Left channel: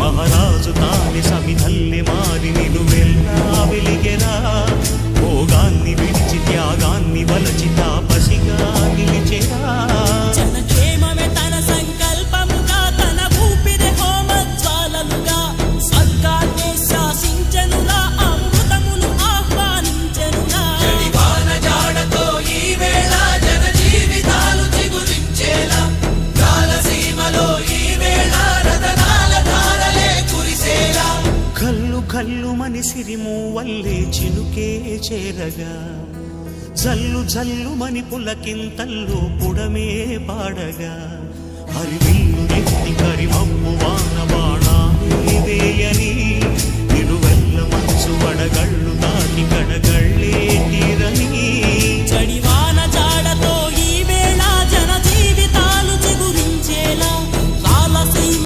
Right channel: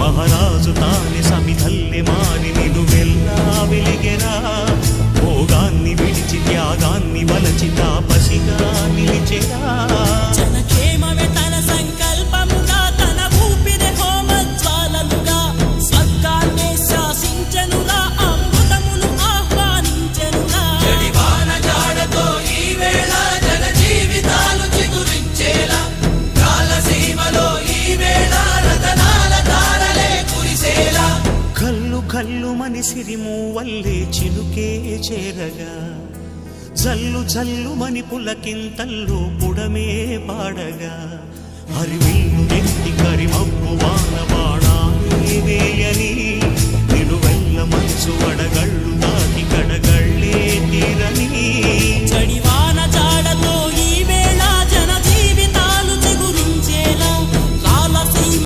మహారాజు తాని సమిధల్లి మారి నిను వెళ్ళా వెలిగెరా భోగాన్ని విడిచి త్యాగాన్ని వలచి తాపసిగా నిలిచెరా గల్లు సిరిము వల్లే చినుకే చేరగా జల్లు జల్లుమని పులకింతల్లు పుడమే పాడగా హరివిల్లు ఎత్తి కరిమబ్బు వాన బాణాలే వేయని నిలువెల్ల మంచు వడగ